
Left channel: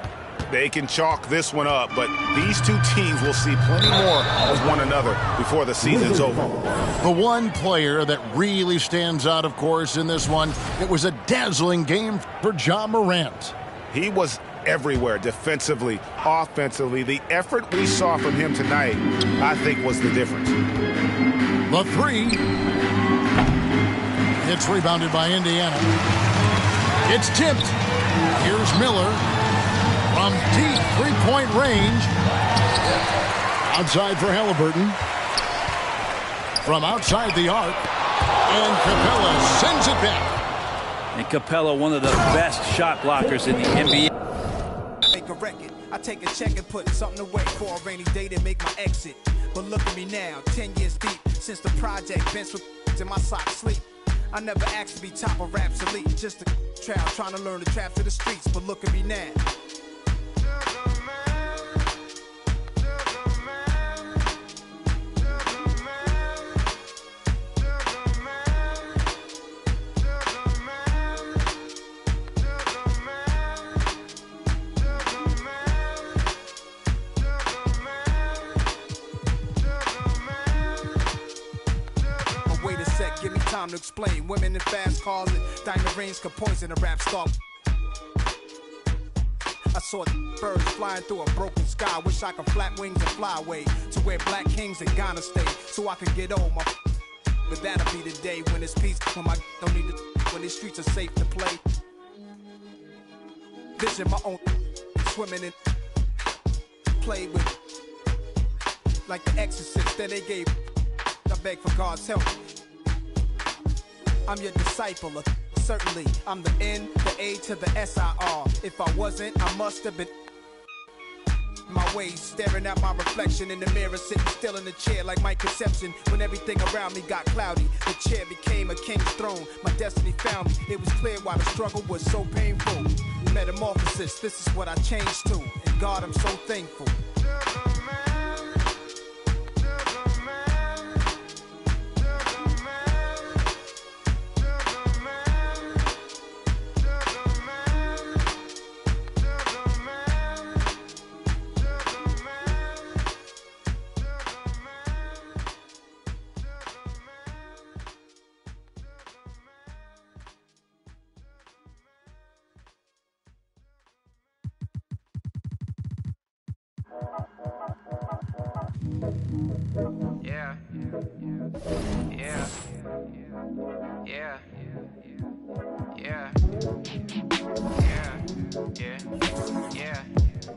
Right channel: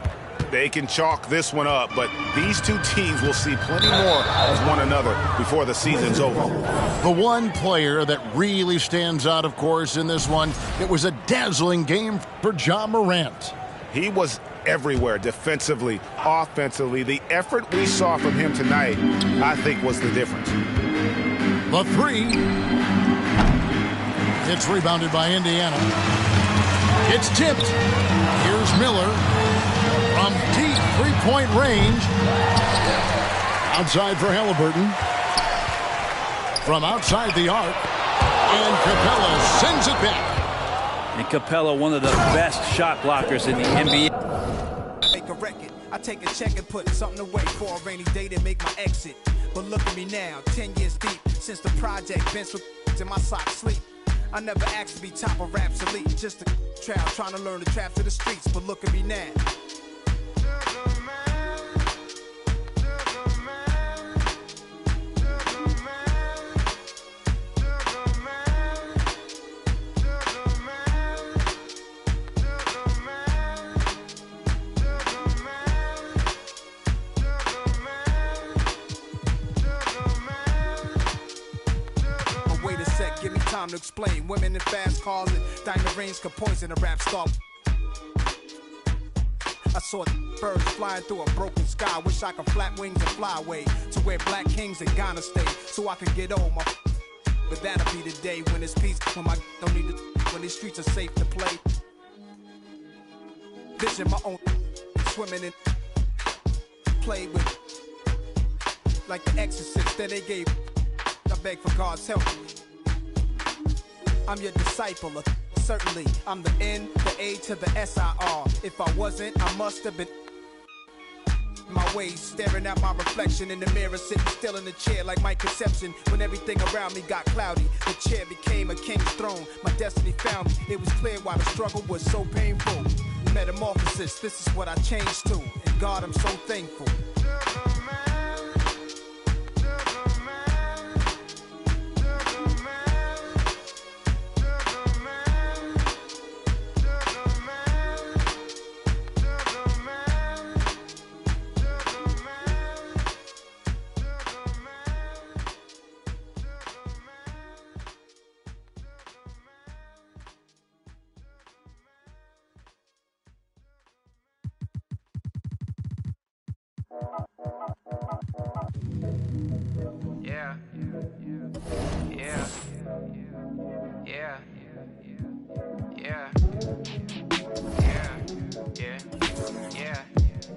They can chalk this one up, but these two teams will see plenty more of one another before the season's over. The one player that really stands out, of course, in this one, it was a dazzling game for Ja Morant. He was everywhere defensively, offensively. The effort we saw from him tonight, I think, was the difference. The three. It's rebounded by Indiana. It's tipped. Here's Miller. From deep three-point range. Outside for Halliburton. From outside the arc. And Capella sends it back. And Capella, one of the best shot blockers in the NBA. Make a record. I take a check and put something away for a rainy day to make my exit. But look at me now, 10 years deep. Since the project bench with in my socks sleep. I never asked to be top of Raps Elite. Just a child trying to learn the traps of the streets. But look at me now. time to explain. Women in fast cars and diamond rings could poison a rap star. I saw birds flying through a broken sky. Wish I could flap wings and fly away to where black kings in Ghana stay, so I could get old. But that'll be the day when it's peace, when my don't need to, when these streets are safe to play. Vision my own, swimming in, play with, like the Exorcist that they gave. I beg for God's help. I'm your disciple, certainly. I'm the N, the A to the S-I-R. If I wasn't, I must have been. My ways, staring at my reflection in the mirror, sitting still in the chair like my conception. When everything around me got cloudy, the chair became a king's throne. My destiny found me. It was clear why the struggle was so painful. Metamorphosis, this is what I changed to. And God, I'm so thankful. Yeah. Yeah. Yeah. Yeah. Yeah. Yeah. Yeah.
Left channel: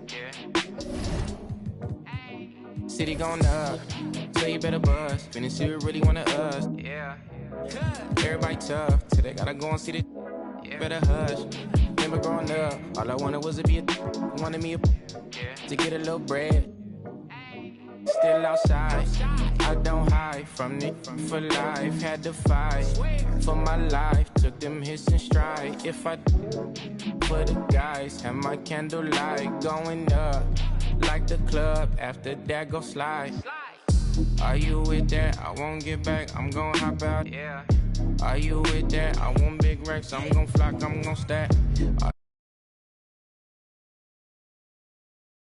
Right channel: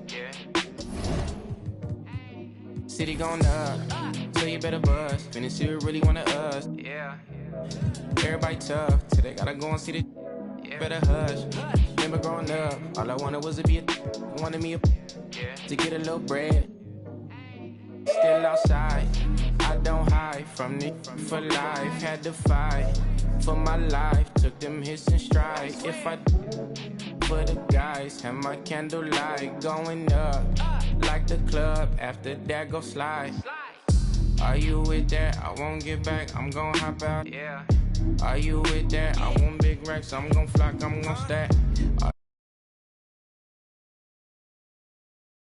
Yeah. City going up, so you better buzz. Finna see what really wanna us. Yeah. Everybody tough, till they gotta go and see the. Yeah. Better hush. Remember growing up, all I wanted was to be a. Wanted me a. Yeah. To get a little bread. Still outside, I don't hide from it for life. Had to fight for my life, took them hits in stride. If I for the guys, have my candlelight going up like the club. After that, go slide. Are you with that? I won't get back. I'm gon' hop out. Yeah. Are you with that? I want big racks. I'm gon' flock. I'm gon' stack.